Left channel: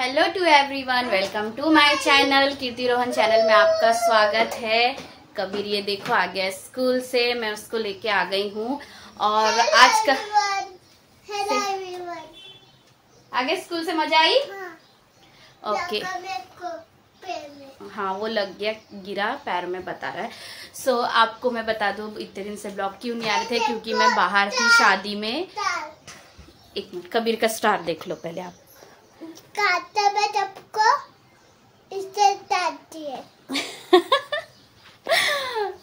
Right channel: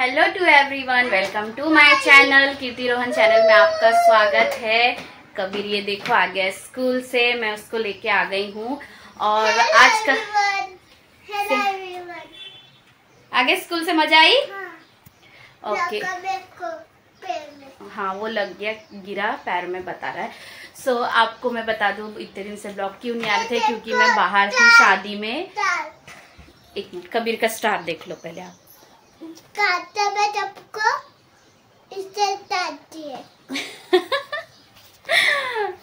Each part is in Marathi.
Hello to everyone, welcome to my channel. Kirti Rohan channel में आपका स्वागत है। कबीर ये देखो आ गया स्कूल से, मैं उसको लेके आ गई हूँ। और आज का आगे स्कूल से मजा आई? ओके हाँ, वो लग गया, गिरा पैर में बता रहा है। सो आपको मैं बता दूं इतने दिन से ब्लॉग क्यों नहीं आ रहे थे, क्योंकि मैं बाहर थी शादी में। एक मिनट, कबीर का स्टार देख लो पहले आप।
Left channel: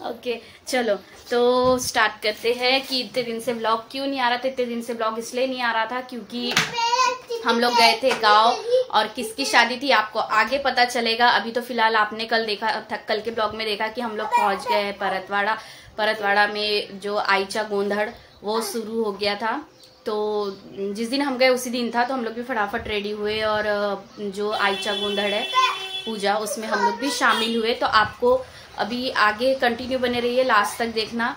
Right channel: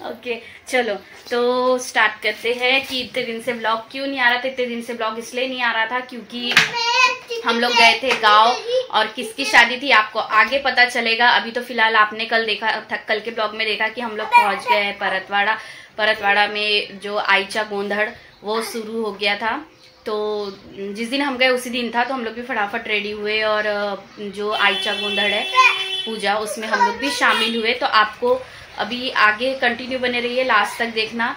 ओके चलो तो स्टार्ट करते हैं कि इतने दिन से ब्लॉग क्यों नहीं आ रहा था। इतने दिन से ब्लॉग इसलिए नहीं आ रहा था क्योंकि हम लोग गए थे गांव, और किसकी शादी थी आपको आगे पता चलेगा। अभी तो फिलहाल आपने कल देखा, कल के ब्लॉग में देखा कि हम लोग पहुंच गए हैं परतवाड़ा। परतवाड़ा में जो आईचा गोंधड़ वो शुरू हो गया था। तो जिस दिन हम गए उसी दिन था, तो हम लोग भी फटाफट रेडी हुए और जो आईचा गोंधड़ है पूजा, उसमें हम लोग भी शामिल हुए। तो आपको अभी आगे कंटिन्यू बने रहिए, लास्ट तक देखना।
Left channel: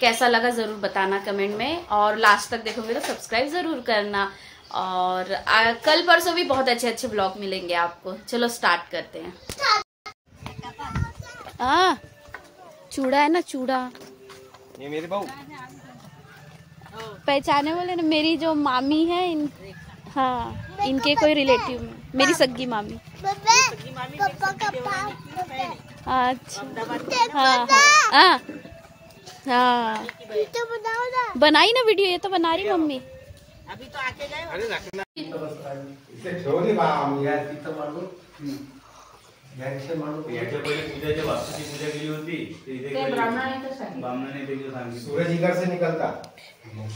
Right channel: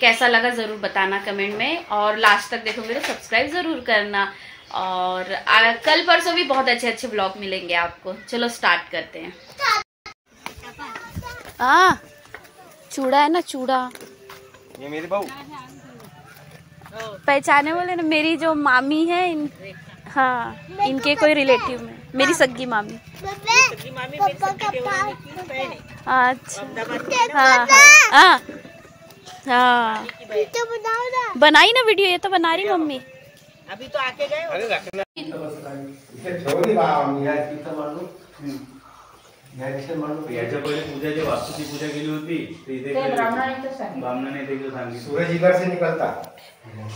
कैसा लगा जरूर बताना कमेंट में, और लास्ट तक देखोगे तो सब्सक्राइब जरूर करना। और कल परसों भी बहुत अच्छे अच्छे ब्लॉग मिलेंगे आपको। चलो स्टार्ट करते हैं। चूड़ा है ना, चूड़ा ये मेरी बहू पहचाने वाले ना, मेरी जो मामी है हाँ, इनके कोई रिलेटिव में, मेरी सग्गी मामी। अच्छा हाँ हाँ हाँ, बनाई ना वीडियो, ये तो बना रही मम्मी। अभी तो आके गए। अरे रखना याच्या पहिले पूजाच्या वास्तूची पूजा केली होती, तर इथे ब्राह्मणाने देखील सांगितलं सूरज इधर से निकलता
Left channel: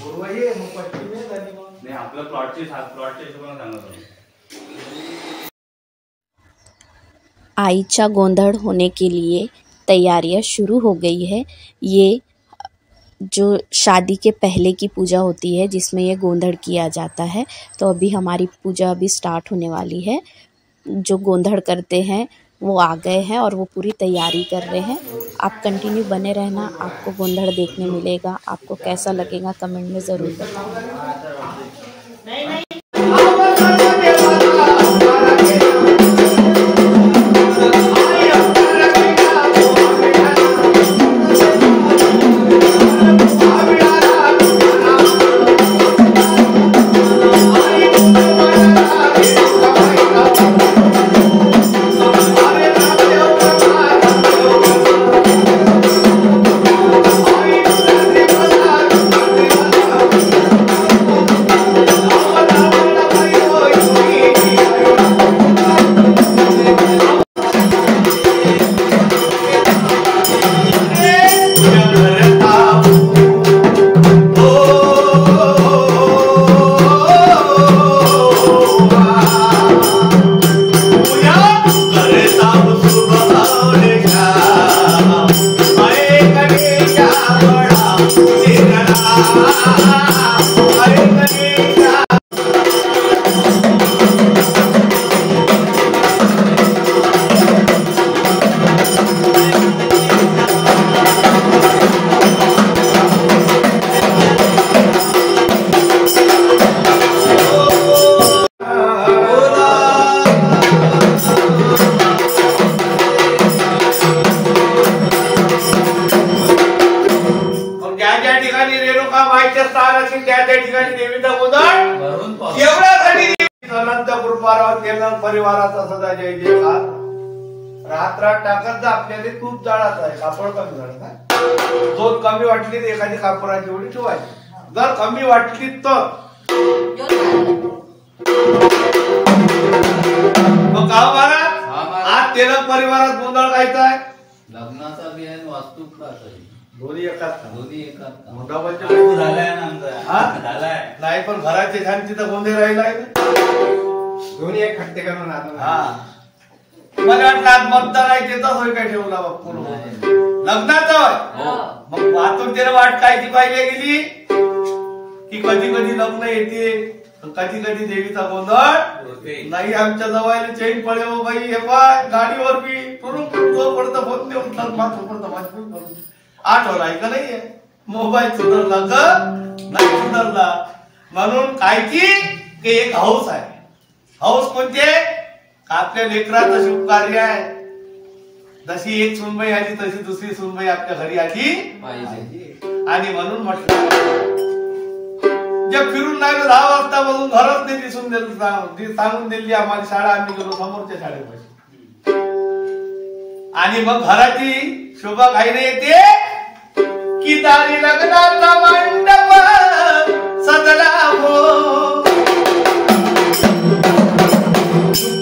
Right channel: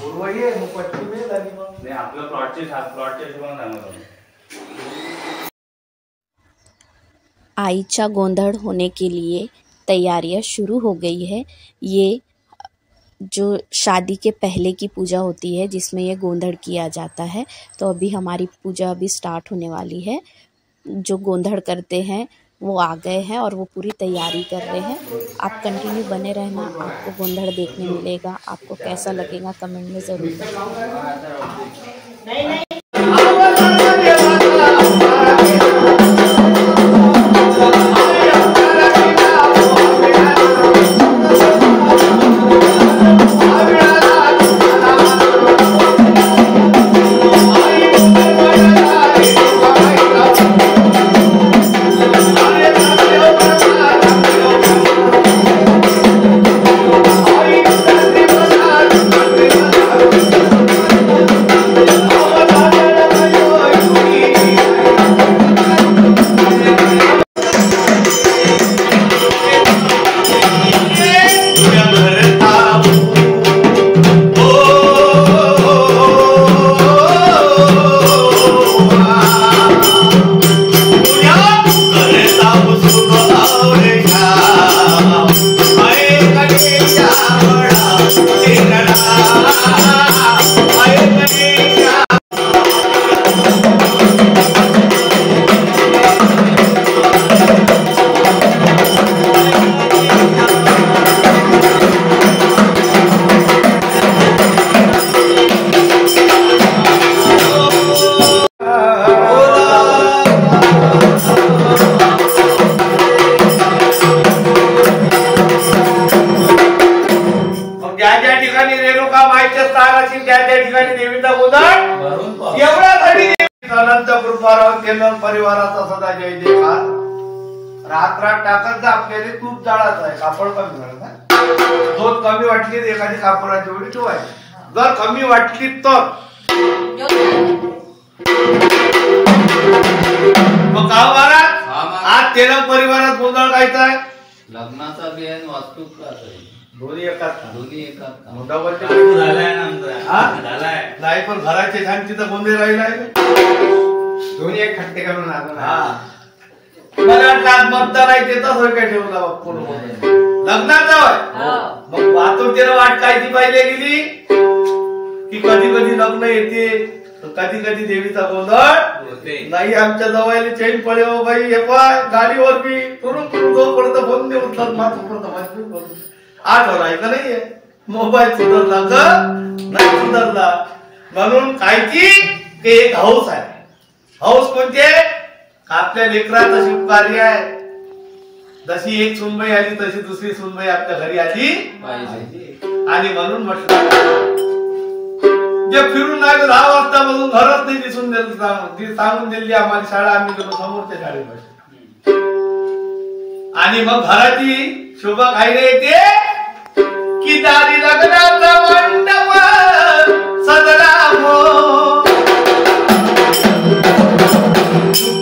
पूर्व ये पश्चिम में झाली मग नाही, आपलं प्लॉटचे हिशोबाने सांगत होतो। आईचा गोंधड़ होने के लिए तैयारियां शुरू हो गई है। ये जो शादी के पहले की पूजा होती है जिसमें ये गोंधड़ किया जाता है। तो अभी हमारी पूजा अभी स्टार्ट होने वाली है। जो गोंधड़ करते हैं वो आ गए हैं और वो पूरी तैयारी कर रहे हैं। आप कंटिन्यू बने रहना, आपको गोंधड़ देखने मिलेगा। आपको कैसा लगेगा कमेंट में ज़रूर बताना। परिवाराचा सदा जय जयकार। रात रात टाकत जा, आपल्याला तूप जाळाचं आहे, कापड कमी झालं। दोन कमी वाटली तर एखादी कापडाची एवढी ठेवायची, जर कमी वाटली तर मग गाव महाराज आज तेरा परिवारात गोंधळ गायचा लग्नाचा बियाण वास्तू दोन्ही एकाच मोठा झालाय ना आमचा, झालाय नाही, पण घराचे शांती तर गोंधळ राहिलाय। दोन्ही एक खट्टे करून मला वाटलं आज मतदान आहे ते तसं काय ठेवला बाप्पू लग्नाचा मग वाहतूक वाट कायची पाहिली गेली की कधी कधी लग्न येते, कधी कधी देवीचा गोंधळ नाही। आमच्या जवळ चैन पडे हो बाई, हे पाय गाडीवर बी जोपर्यंत फोन देऊन मात्र 8 होरायचं नाहीये, मोबाईल सुधारला का नाही सुधारला, म्हणून कायची ते एक हाऊस आहे। हौस म्हणजे आपल्या लेकराचं शुभ कार्य आहे. जशी एक सुनबाई आली तशी दुसरी सुनबाई आपल्या घरी आली पाहिजे. आणि म्हणून म्हटलं जे फिरून नाही 10 वाजता मधून घरच नाही दिसून सांगून दिली आम्हाला शाळा. आम्ही गेलो समोरच्या शाळेमध्ये आणि मग घराची शोभा खायला येते की दारी लग्नाचा मंडप सजला हो.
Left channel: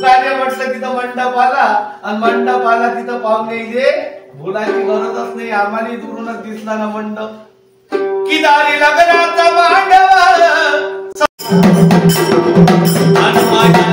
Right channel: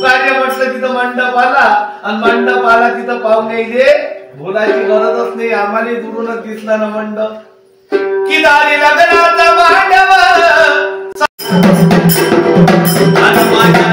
कार्य म्हटलं तिथं मंडप आला आणि मंडप आला तिथं पाहुणे येते. बोलायची गरजच नाही. आम्हाला दुरूनच दिसला ना मंडप की दारी लग्नाचा मंडप आणि माझ्या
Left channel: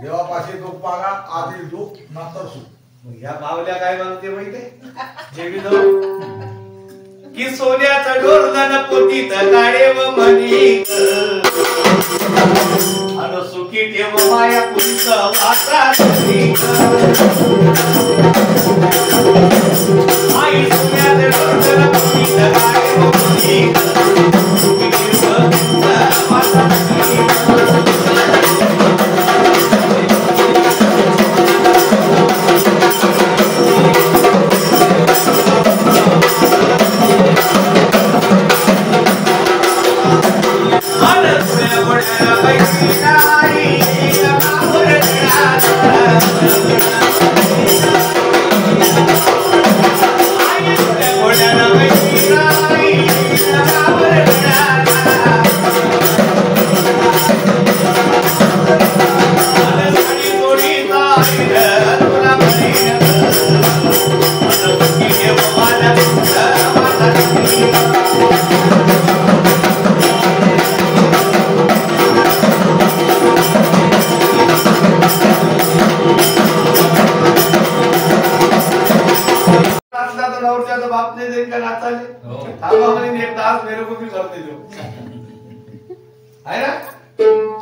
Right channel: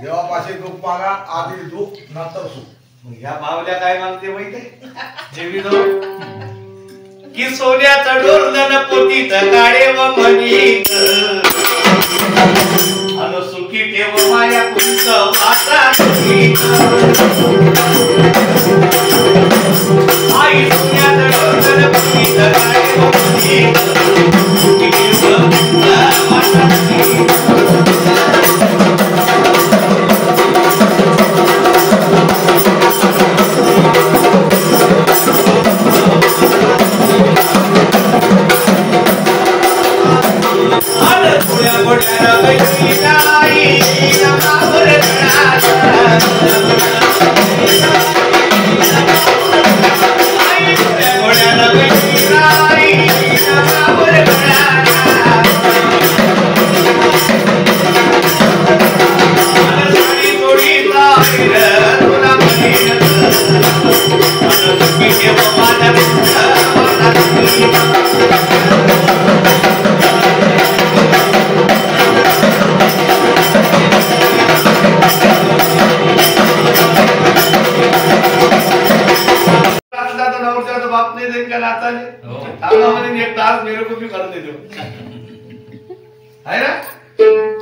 देवापाशी दुःख मागा. आधी दुःख नंतर सुख. या मावल्या काय मागते माहिती जेवी की सोन्याचा डोरधन पोतीत काळे व म्हणीत अन सुखी ठेव माया कुंच वाचा आई सोन्याचा डोरधन पोतीत काळे व म्हणीत सुखी ठेव वाचा बाप नहीं देख नाता एक तास मेरे को भी करते दो है ना.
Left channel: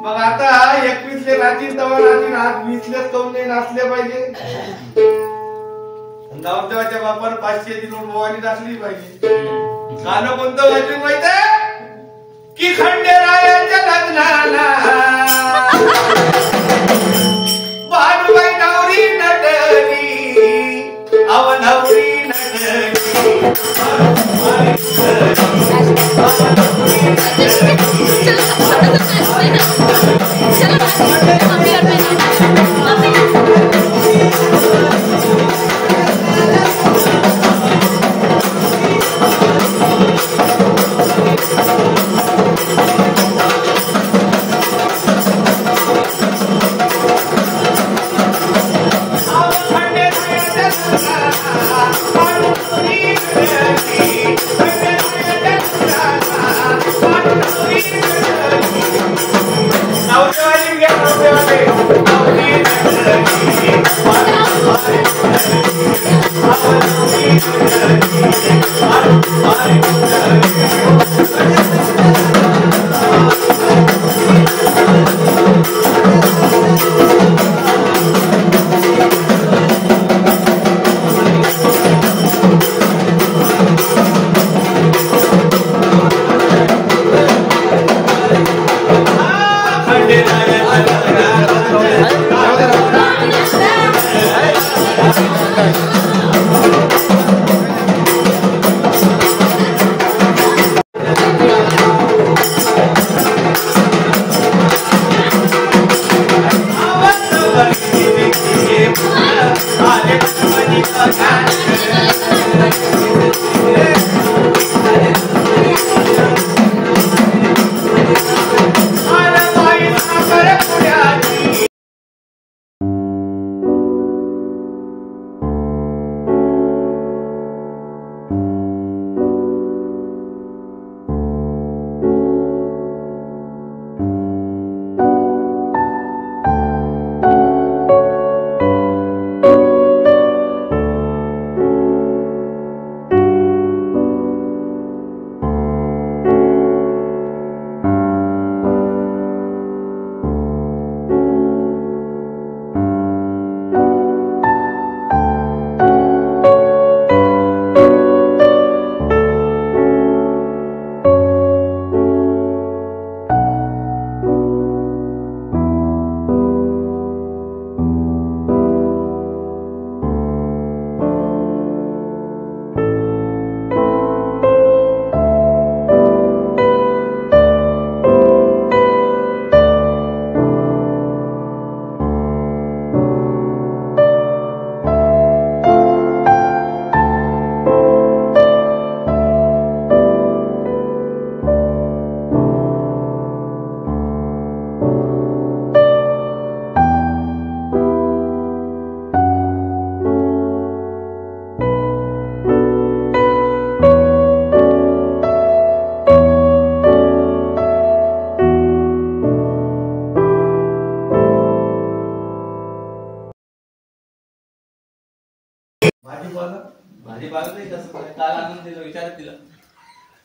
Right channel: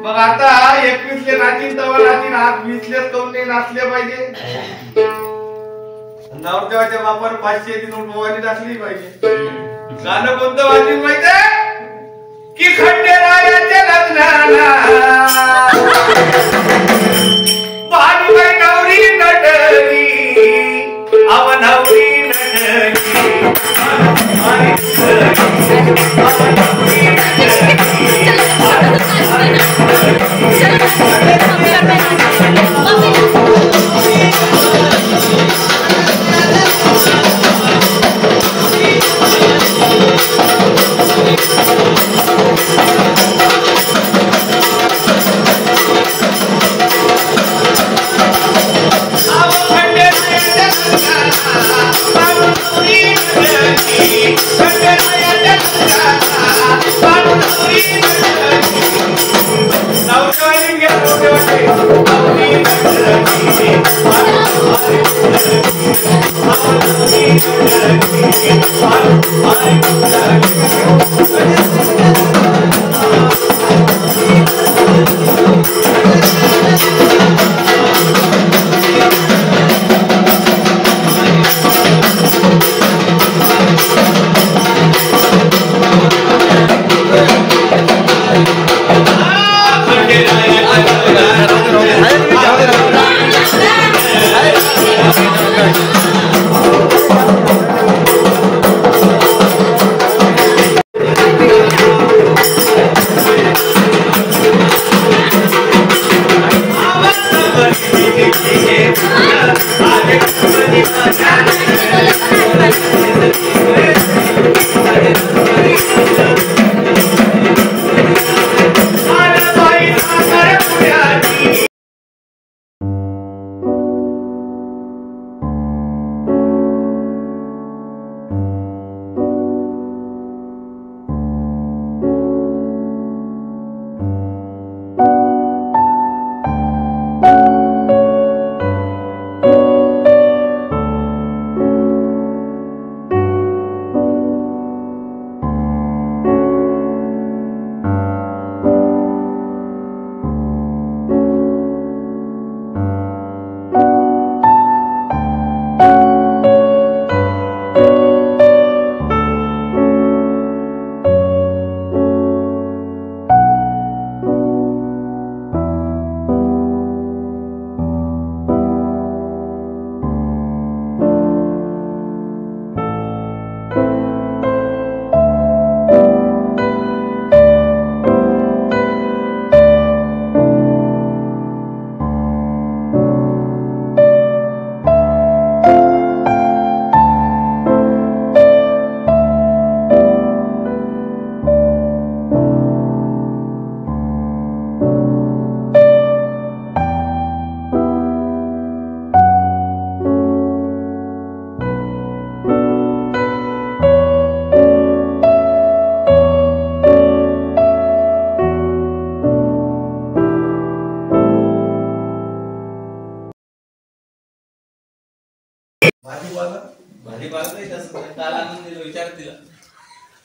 मग आता 21ले नाचीन तवा नाचीन. आज 20लेच कोण नाही नाचले पाहिजे. नवरदेवाच्या बापावर 500 ची नोट मोबाईल नाचली पाहिजे. गाणं कोणतं वाजली माहिती की खंडेरायाच्या लग्नाला बाजूबाई नवरी नटली अव नवरी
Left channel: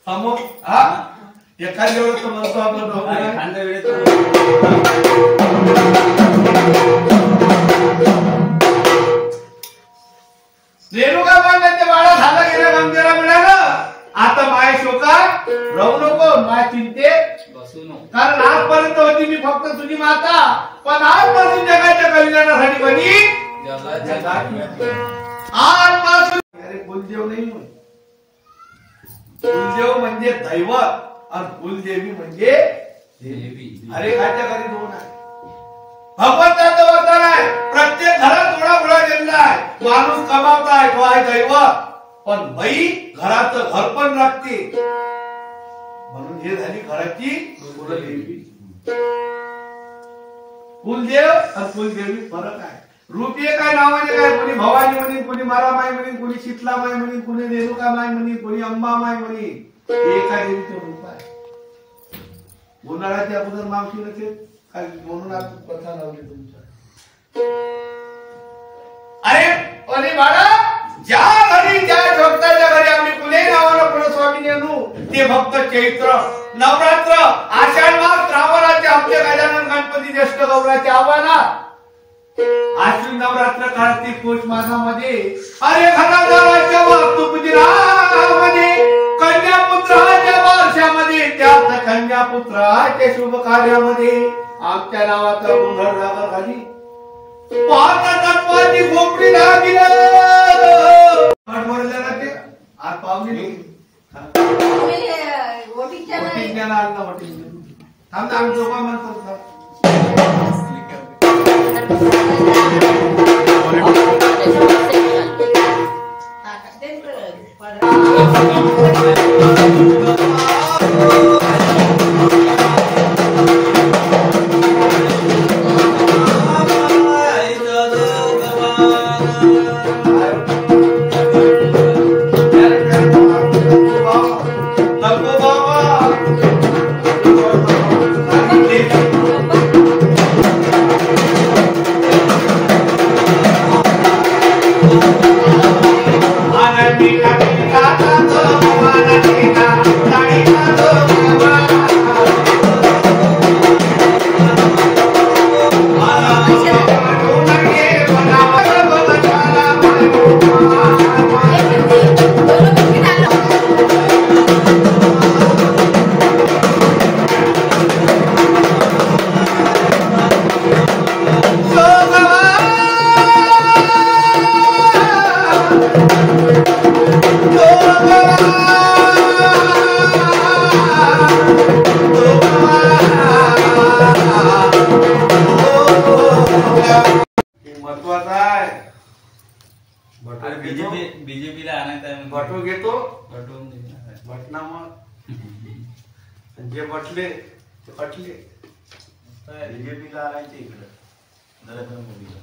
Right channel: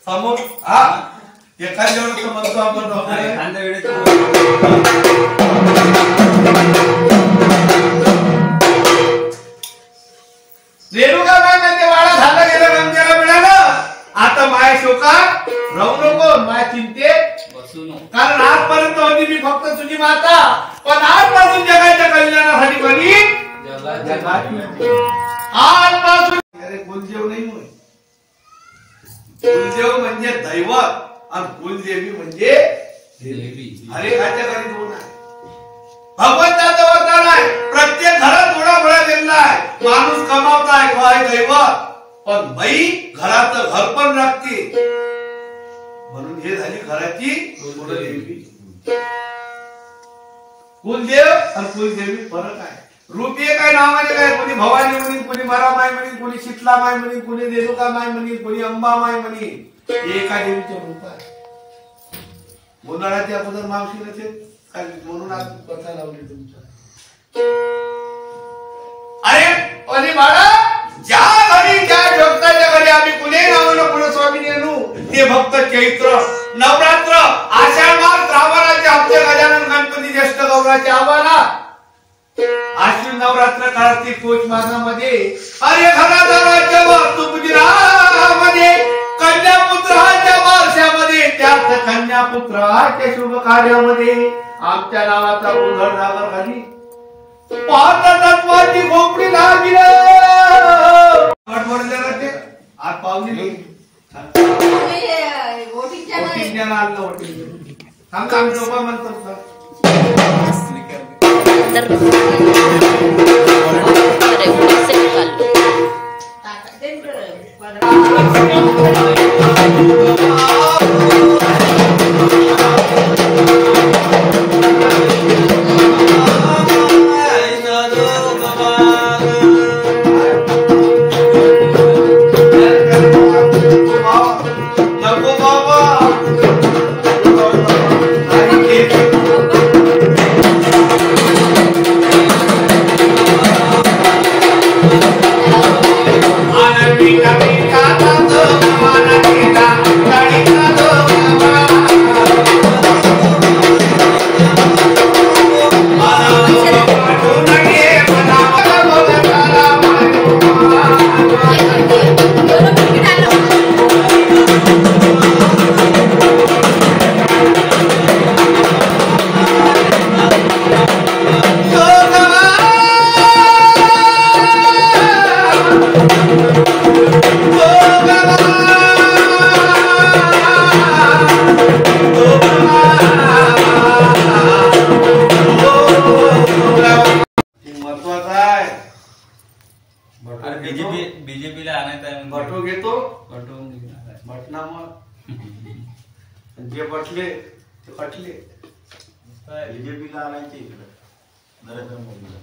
समोर हा एखाद्या वेळेस म्हणतो आपण एखाद्या वेळेस रेणुका माय म्हणजे वाडा झाला गेलं मंदिरा मिळालं आता माय शोकात राहू नको माय चिंतेत बसू नको. कारण आजपर्यंत होती मी फक्त तुझी माता पण आजपासून जगाच्या कल्याणासाठी बनी आजपासून अरे कुलदेव नाही होय कुलदेव म्हणजे दैवत आणि कुलदेवी म्हणजे देवी. अरे काच्या घरी दोन आहे भगवंताचं वरदान आहे प्रत्येक घरात थोडा थोडा गेलेला आहे माणूस कमावताय तो आहे दैवत पण बाई घराचं घर पण राखते म्हणून हे झाली घराची कुलदेवी कुलदेव आणि कुलदेवी फरक आहे रूप एक आहे नावाने काय कोणी भवानी म्हणेन कोणी मरामाई म्हणेन कोणी शीतलामाई म्हणेन कोणी रेणुकामाई म्हणेन कोणी अंबामाई म्हणेन हे एका देवीचं रूप आहे उन्हाळ्याची अगोदर मावशी नसेल काय म्हणून आज कथा लावली तुमच्या अरे बाळा ज्या घरी ज्या भक्ताच्या घरी आम्ही कुणीही नावानं पुढे स्वामी आणू ते भक्त चैत्र नवरात्र आषाढ मास श्रावणाचे आमचे गजानन गणपती ज्येष्ठ गौराचे आव्हाना आश्विन नवरात्र कार्तिक पौष मासामध्ये अरे घराचा राज्यावर तुपदिरामध्ये कन्यापुत्राच्या बारशामध्ये त्यात कन्यापुत्राच्या शुभ कार्यामध्ये आमच्या नावाचा गोंधळ नागर खाली पाहता तत्वाची खोपडी लागली आज पावली आमचं लोक म्हणतात बीजेपीला आणायचं आहे बटू घेतो पटवून बटना मग जे बटले ते कटले बीजेपीला आणायचे इकडे नरेंद्र मोदीला.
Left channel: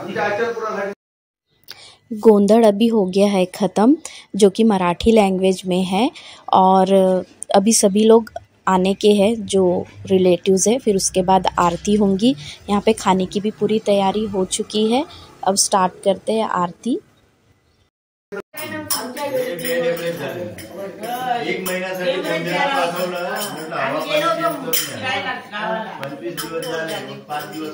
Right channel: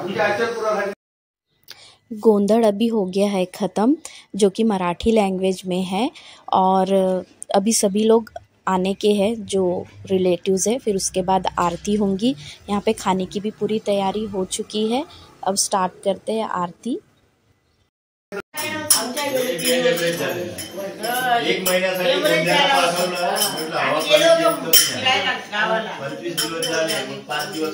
आमच्या आचरपुरासाठी गोंधड़ अभी हो गया है ख़त्म, जो कि मराठी लैंग्वेज में है और अभी सभी लोग आने के हैं जो रिलेटिव्स है। फिर उसके बाद आरती होंगी। यहाँ पे खाने की भी पूरी तैयारी हो चुकी है। अब स्टार्ट करते हैं आरती। एक महिन्यासाठी गोंदियाला पाठवलं म्हटलं हवा पाणी 25 दिवस झाले 5 दिवस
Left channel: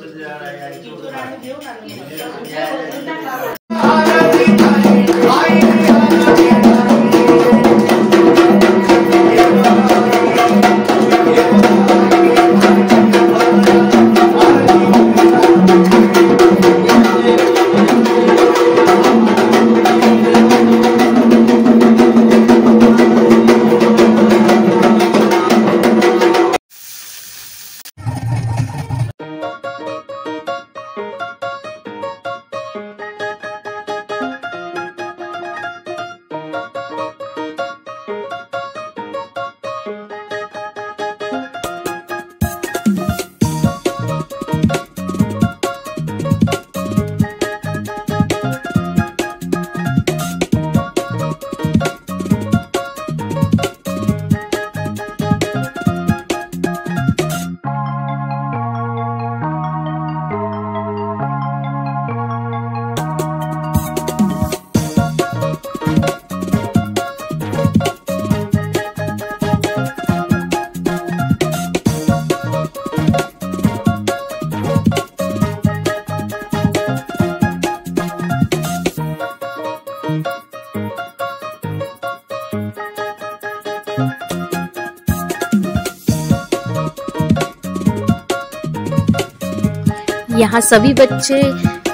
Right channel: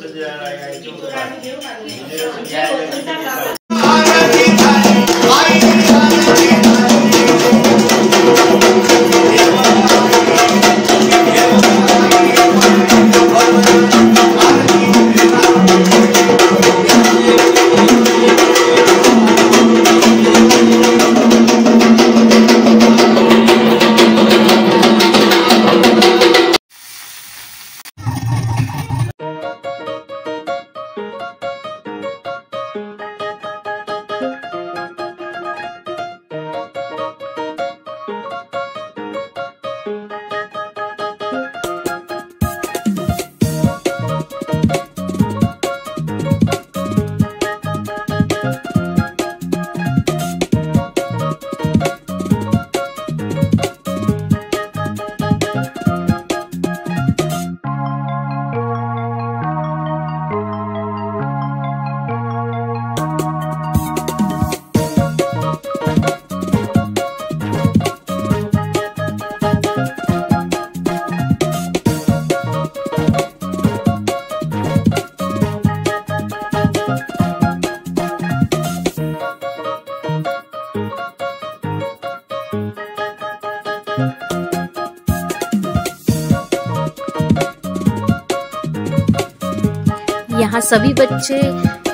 यहाँ सभी बच्चे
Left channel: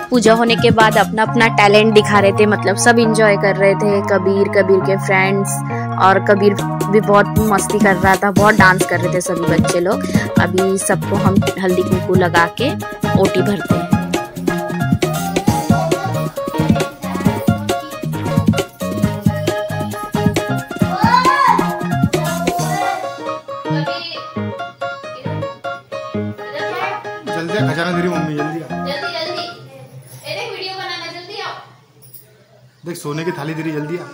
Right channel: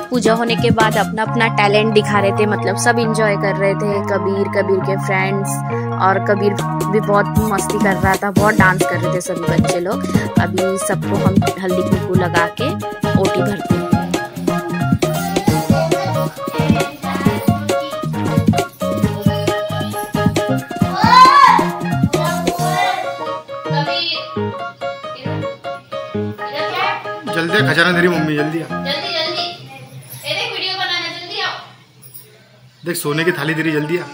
पूजा होने के बाद अपना अपना टैलेंट दिखा रहे थे, मतलब सब एंजॉय कर रहे थे। कबीर के फ्रेंड्स, और कबीर भी बहुत मस्ती कर रहा था, बहुत डांस कर रहे थे सभी बच्चे लोग। अभी सबको हम हल्दी कुंकू लगा के ओटी भरते हैं। जल्दी खजाना तेरी मम्मी, जल्दी आ, वीडियो बनाना, जल्दी आओ। देख सोने की थाली तेरी, जल्दी आ।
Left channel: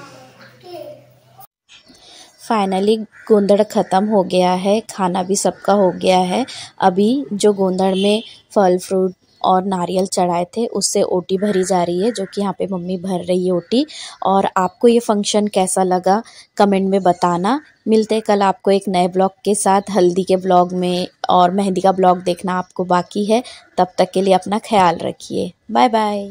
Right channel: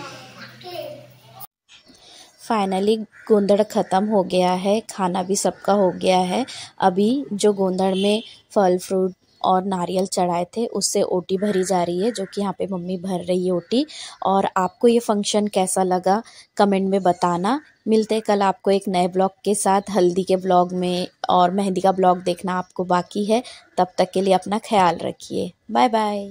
फाइनली गोंदड़ ख़त्म हो गया है, खाना भी सबका हो गया है। अभी जो गोंदड़ में फल फ्रूट और नारियल चढ़ाए थे उससे ओटी भरी जा रही है, जो कि यहाँ पे मम्मी भर रही है ओटी। और आपको ये फंक्शन कैसा लगा कमेंट में बताना। मिलते हैं कल आपको एक नए ब्लॉग के साथ। हल्दी के ब्लॉग में और मेहंदी का ब्लॉग देखना आपको बाकी है। तब तक के लिए अपना ख्याल रखिए। Bye bye.